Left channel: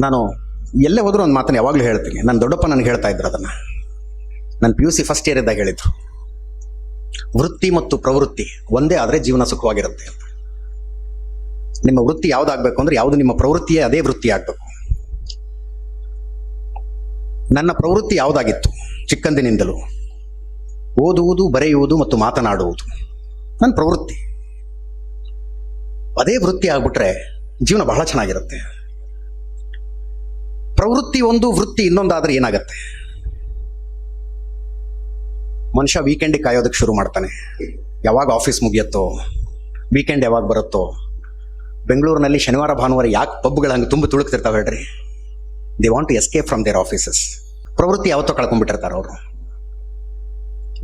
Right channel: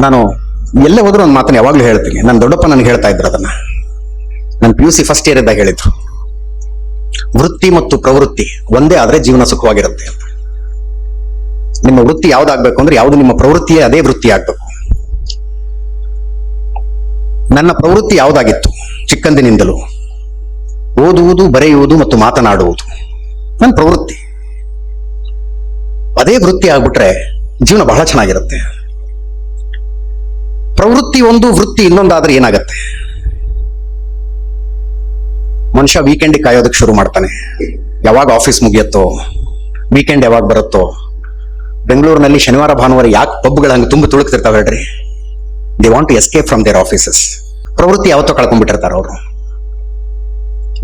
ನಾನು ಎಲ್ಲೇ ಹೋದ್ರು ಒಂದು ಮಾತನ್ನ ಯಾವಾಗಲೂ ಹೇಳ್ತೀನಿ. ನನ್ನ ದೊಡ್ಡಪ್ಪ ನನಗೆ ಹೇಳ್ತಾ ಇದ್ರು ಅದನ್ನ. ನಾನು P U C first year ಇದ್ದಾಗ ಹೇಳಿದ್ರು. ವೃತ್ತಿ ಮತ್ತು ಪ್ರವೃತ್ತಿ ಒಂದೇ ಆದ್ರೆ ಜೀವನ ಸುಖವಾಗಿರುತ್ತೆ ಅಂತ. ನಿಮ್ಮ ವೃತ್ತಿ ಯಾವ್ದಾಗ್ಬೇಕು ಅಂದ್ರೆ ಯಾವ್ದು ನಿಮ್ಮ ಪ್ರವೃತ್ತಿಯೇ ಅದೇ ವೃತ್ತಿ ಆಗ್ಬೇಕು. ನನ್ನ ಪ್ರವೃತ್ತಿ ಯಾವ್ದಾಗಿತ್ತು? ಚಿಕ್ಕಂದಿನಿಂದಲೂ. ಓದುವುದು, ಬರೆಯುವುದು ಮತ್ತು ಮಾತನಾಡುವುದು. ನನ್ನ ಪ್ರವೃತ್ತಿ. ಅದೇ ವೃತ್ತಿ ಆಗ್ಬಿಟ್ರೆ ಜೀವನ ಬಹಳ ಚೆನ್ನಾಗಿರುತ್ತೆ. ಪ್ರವೃತ್ತಿ ಒಂದು, ವೃತ್ತಿ ಇನ್ನೊಂದಾದ್ರೆ ಏನಾಗತ್ತೆ? ಮನುಷ್ಯ ವೀಕೆಂಡ್ ಕಾಯೋದಕ್ಕೆ ಶುರು ಮಾಡ್ತಾನೆ. ಯಾವಾಗ ಆಫೀಸ್ ಮುಗಿಯತ್ತೋ ವೀಕೆಂಡ್ ಯಾವಾಗ ಬರುತ್ತೋ, ಬೆಂಗಳೂರಿನಲ್ಲಿ ಶನಿವಾರ, ಭಾನುವಾರ ಯಾಕೆ ಪಬ್ಗಳು ಹಂಗೆ ತುಂಬ ತುಳುಕ್ತಿರ್ತಾವೆ ಹೇಳ್ರಿ? They want to escape from their offices ಪ್ರವೃತ್ತಿ ಯಾವತ್ತೋ ಕಳ್ಕೊಂಡ್ಬಿಟ್ಟಿರ್ತಾರೆ ಅವರು.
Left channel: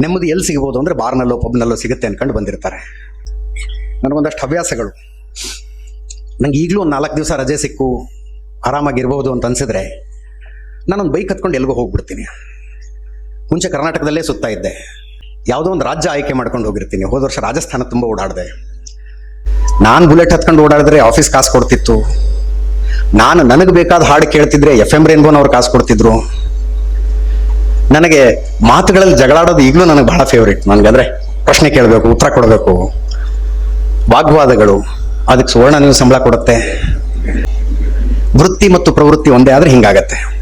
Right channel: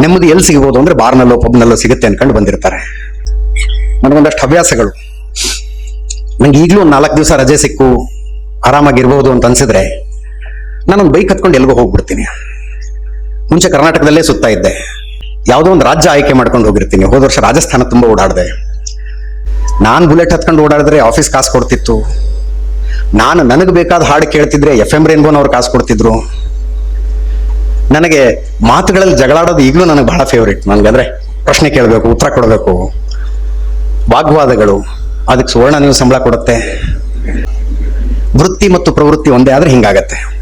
ನೆಮ್ಮದಿ ಎಲ್ಲಿ ಸಿಗ್ಬೋದು ಅಂದ್ರೆ ಬಾರ್ನಲ್ಲೋ, ಪಬ್ನಲ್ಲೋ ಸಿಗುತ್ತೆ ಅನ್ಕೊಂಡು ಬಂದಿರ್ತಾರೆ. ನನಗೊಂದಷ್ಟು ಹವ್ಯಾಸಗಳು. ನಂಗೆ ಈಗಲೂ ನಾಲ್ಕು ದಿವಸ ರಜೆ ಸಿಕ್ಕು. ಆರಾಮಾಗಿರ್ಬೋದು ಅಂತ ಅನ್ಸಿದ್ರೆ ನಾನೊಂದು ಬೈಕ್ ಹತ್ಕೊಂಡು ಎಲ್ಗೋ ಹೋಗ್ಬಿಡ್ತೀನಿ. ಮುಂಚೆ ಕರ್ನಾಟಕದಲ್ಲೇ ಸುತ್ತಾ ಇದ್ದೆ. ಯಾವುದೋ ಒಂದು ರಾಜ್ಯ ಆಯ್ಕೆ ಮಾಡ್ಕೊಂಡು ಹೋಗಿರ್ತೀನಿ. ಹೋದ ವರ್ಷ ರಾಜಸ್ಥಾನ ತುಂಬ ಓಡಾಡಿದೆ. ನಾನು ಬುಲೆಟ್ ಹತ್ಕೊಂಡು ಓಡಾಡಿದ್ರೆ ಆಫೀಸ್ ಕಾಸು ಕೊಡ್ತಿತ್ತು. ನಾನು ನನಗೆ ಬೇಕಾದ ಹಾಡು ಕೇಳ್ತಿದ್ರೆ ಎಫ್ ಎಂ ರೇನ್ಬೋನ್ ಅವ್ರು ಕಾಸು ಕೊಡ್ತಿದ್ರು. ನನಗೆ ಮಾತುಗಳಲ್ಲಿ ಜಗಳಾಡೋದು ಈಗಲೂ ನನಗೆ ಬಹಳ ಫೇವ್ರೇಟ್ ನನಗೆ ಅಂದ್ರೆ ಪ್ರಶ್ನೆ ಕೇಳಬೇಕು, ಉತ್ತರ ಕೊಡಬೇಕು. ವಾಗ್ವಾದಗಳು ಅದಕ್ಕೆ ಸುವರ್ಣ ನೀವು ಸಂಬಳ ಕೊಡುತ್ತೆ. ವೃತ್ತಿ ಮತ್ತು ಪ್ರವೃತ್ತಿ ಒಂದೇ ಆದ್ರೆ ಹಿಂಗಾಗತ್ತೆ.